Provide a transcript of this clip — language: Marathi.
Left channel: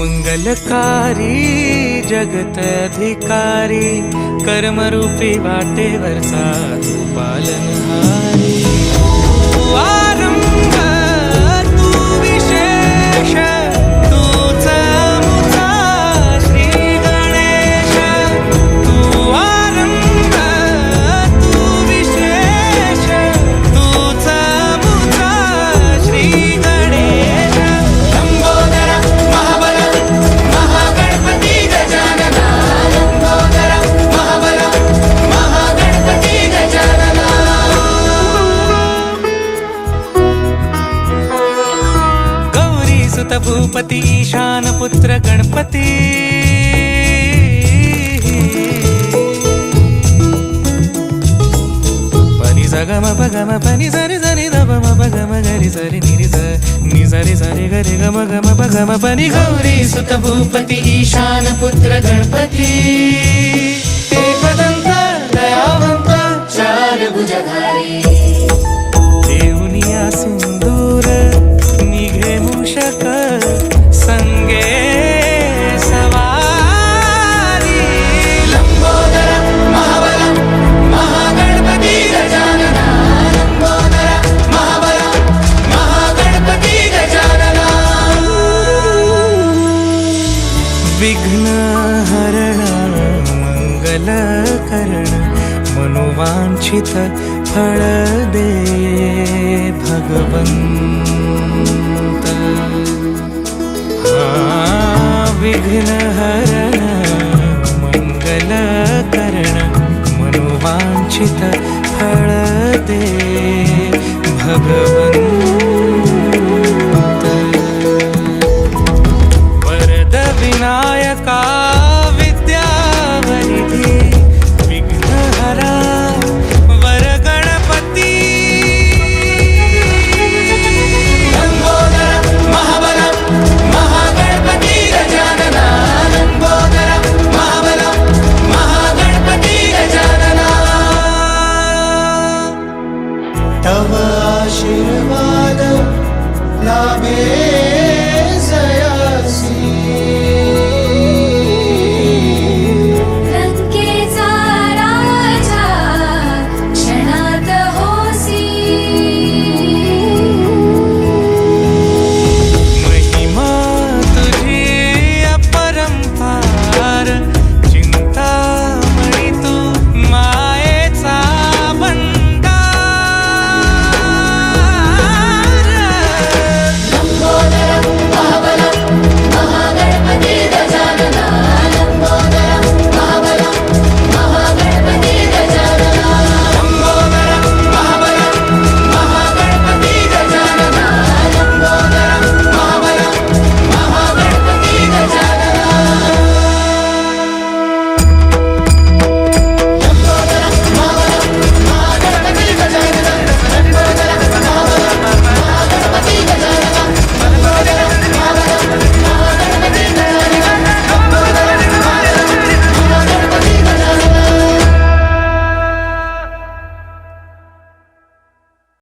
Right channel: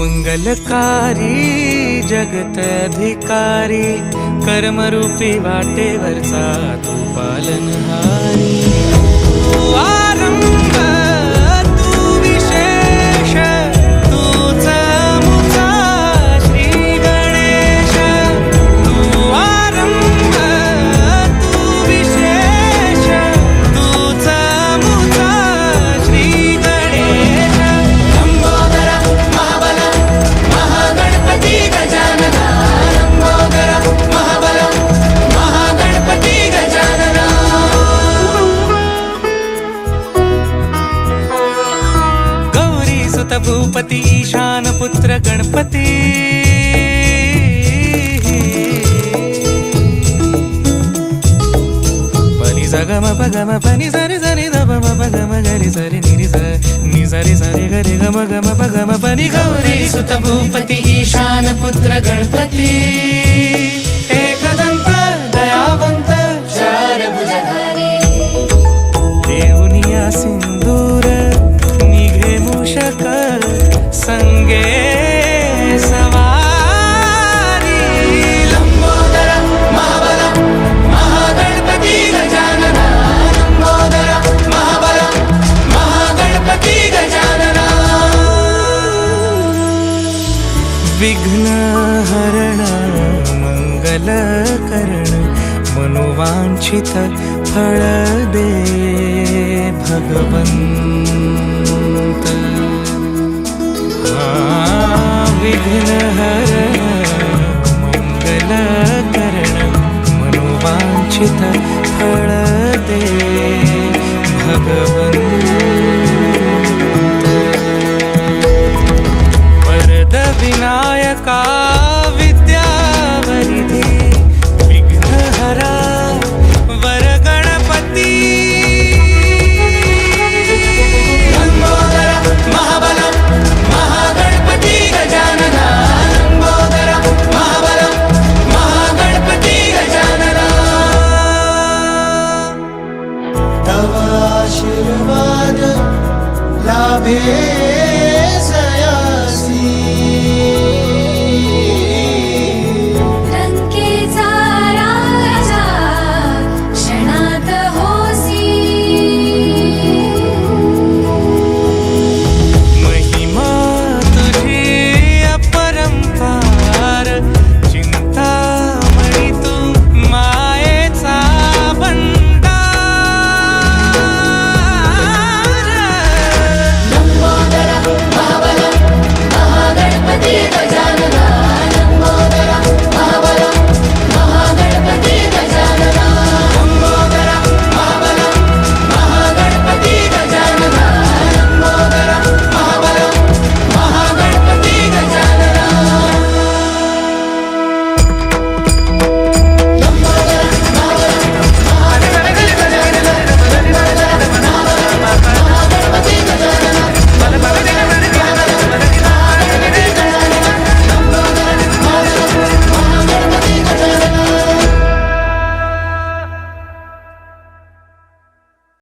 मंगलकारी जगत अधिकारी कर्मरूपी वाटेवरचा तू पालनहारी। तू आरंभ तू विशेष तूच मुचा श्री गणेश। तू आरंभ तू विशेष तूच मुचा श्री गणेश। सुत भूपती ईशान पुत्र गणपती। पनी सगम पगम पनी सरि सरि ध म पगम गरि सरि निरि स नि सरि सरि गरि गम गम पगम पनी। गौरी सुत भूपती ईशान पुत्र गणपती। एकदंत दयावंत चार भुजधारी। देऊनिया सिंदूर निघे मूषक संगे सवारी। लंबोदर महाबल महागणपती गजानना। लंबोदर महाबल महागणपती गजानना। विघ्न हरण मंगल करण मनोवांछित फळ दे भगवंत। विघ्न हरण मंगल करण मनोवांछित फळ दे भगवंत। वरद विनायका विद्यावरिधी विघ्नहरा